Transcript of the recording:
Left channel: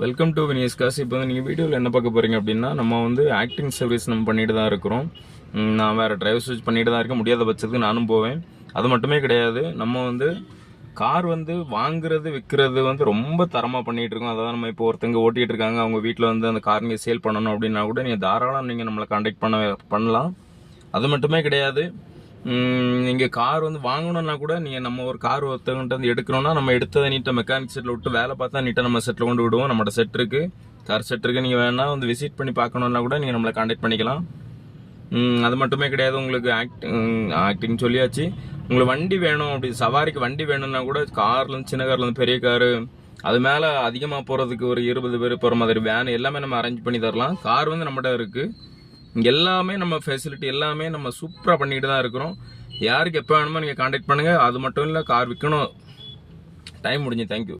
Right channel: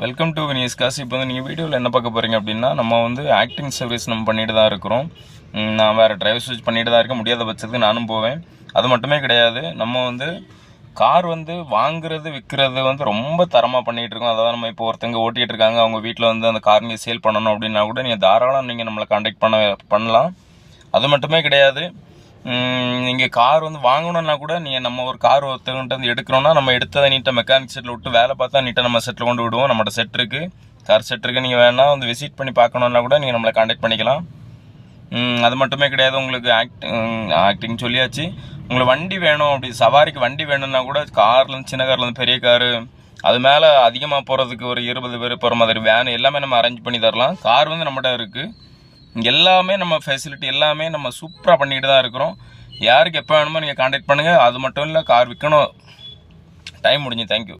Welcome to வினியஸ் காசு இப்போ வந்து நீங்கள் வீடியோவில் என்ன பார்க்க போகிறீங்க அப்படின்னா நம்ம வந்து ஆக்டிங் சர்வீஸ் நம்ம பண்ணிட்டு தான் இருக்கிறோம். நான் வேறு டிரைவர் சர்வீஸ் பண்ணிட்டு தான் இருக்க முடியாத பட்சத்துக்கு நானும் போவேன். அது மட்டுமே கிடையாது. நம்ம வந்து கார் வந்து வாங்குறது விற்கிறது வந்து ரொம்ப தரமாக பண்ணிகிட்டு இருக்கோம். அதாவது நம்ம இப்போ ஒருத்தங்க ஓட்டிகிட்டு இருக்காங்க. அவங்க வீட்டில் வந்து அந்த கார் நீங்கள் சேல் பண்ணணும் அப்படின்னா கூட நீங்கள் தாராளம் நீங்கள் நம்மளை காண்டாக்ட் பண்ண பண்ணலாம். அது மட்டுமே கிடையாது. நீங்கள் கார் வந்து வாங்கணும்னா கூட நீங்கள் நம்ம ஒரு கார் ஒருத்தவங்கிட்ட வந்து எடுக்கிறோம்னா நம்ம எடுத்ததை நீட்டாக மெக்கானிக் செட்டில் விட்டு வேலை பார்த்தா நீட்டாக நம்ம செட்டில் கொண்டு விடுவோம். நம்மளோட செட் இருக்குது கார் செட் இருக்குது நீங்கள் வேணால் வந்து விசிட் பண்ணி பார்க்கணுன்னா கூட நீங்கள் நம்மளை காண்டாக்ட் பண்ணிக்கலாம். அது மட்டுமே கிடையாது. உங்களுக்கு ஆக்டிங் ஆக்டிங் சொல்லியாச்சு. உங்களுக்கு வண்டி வேணும் அப்படி சவாரிக்கு வண்டி வேணும்னா கூட கார்லேருந்து சின்ன கார்லேருந்து பெரிய காரு அது மேலே அதிகமாக போகிறதுக்கு ஒரு இருபது பேர் போகிற மாதிரி வேன் எல்லாமே நம்ம அரேஞ்ச் பண்ணி தரலாம். கார் வந்து நம்மகிட்ட இருக்குது இங்கே எல்லாமே நம்ம ஃபெசிலிட்டி எல்லாமே நம்ம சூப்பராக பண்ணிகிட்டு தான் இருக்கிறோம். யாருக்கு எப்போ வேணுமோ நீங்கள் காண்டாக்ட் பண்ணுங்கள் அது மட்டும் இல்லை கார் விற்கணும் டைம் முடிஞ்சு தேங்க்யூ